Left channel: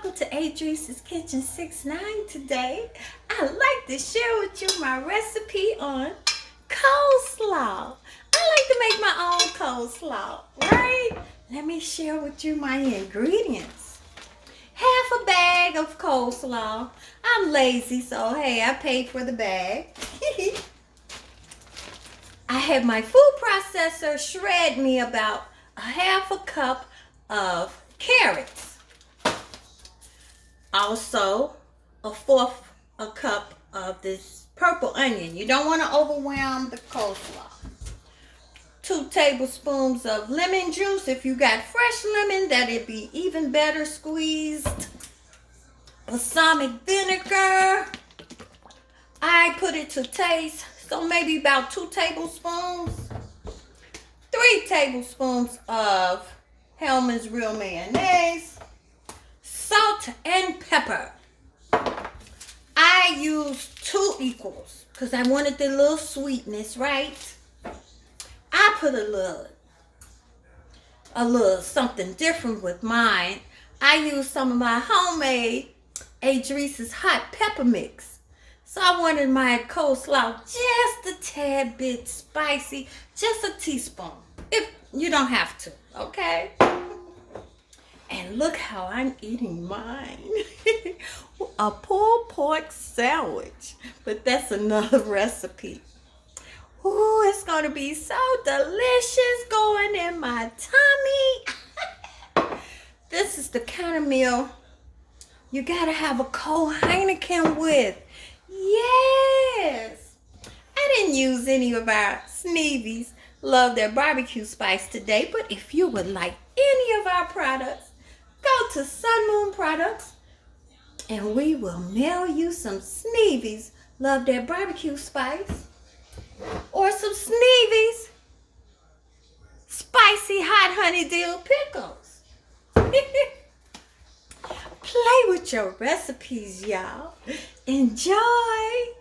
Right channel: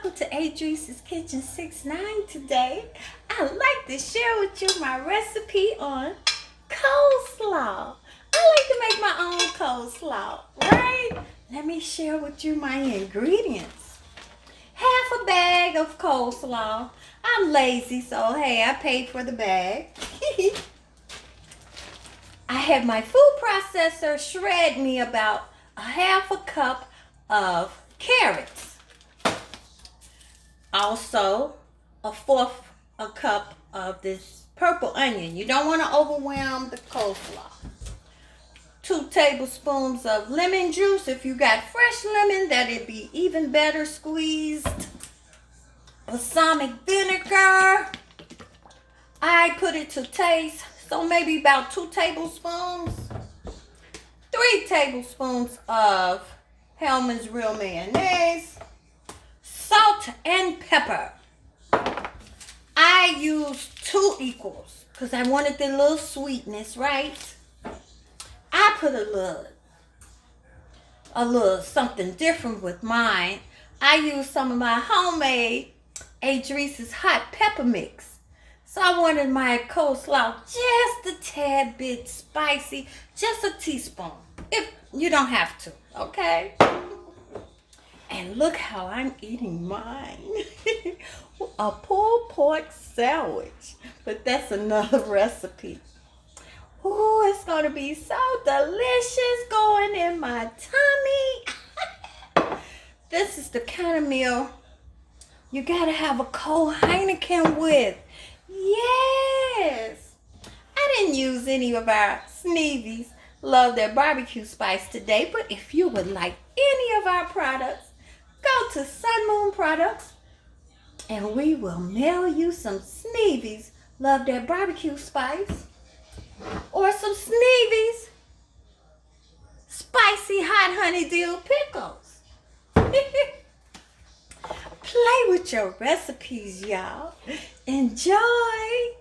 welcome to Adrice's Kitchen 69 today. I'd like to share with you my recipe on coleslaw. I like to make my own coleslaw, right? Let me share with you my ingredients. Half a bag of coleslaw. I'm lazy, so hey, I paid for the bag. I had my food processor shred me about a half a cup of carrots. Also, a fourth a cup of this purple onion. You don't want to overwhelm the coleslaw. 2 tablespoons of lemon juice. If you got fresh lemon, that'd be even better squeezed. Balsamic vinegar. I put it to taste, so maybe about 2 tablespoons. 3 tablespoons of Hellmann's Real Mayonnaise. Salt and pepper. I used 2 equals because I wanted the little sweetness, right? I put a little something different with mine. I used some of my homemade Adrice's hot pepper mix. So I wanted my coleslaw just a tad bit spicy, just a teaspoon. If you don't have to, okay? And look how I'm eating mine. A pulled pork sandwich. But that's another recipe. Ooh, it's going to be so delicious going in my tummy. This is the kind of meal you got to have a cold Heineken with. Yes. I didn't use any of our Sneevies Love Their Barbecue Spice today, but if you would like any of our products, go to Sun Moon Products and we will mail you some Sneevies Love Their Barbecue Spice or some Sneevies Spicy Hot Honey Dill Pickles. Play with your recipes, y'all. Enjoy.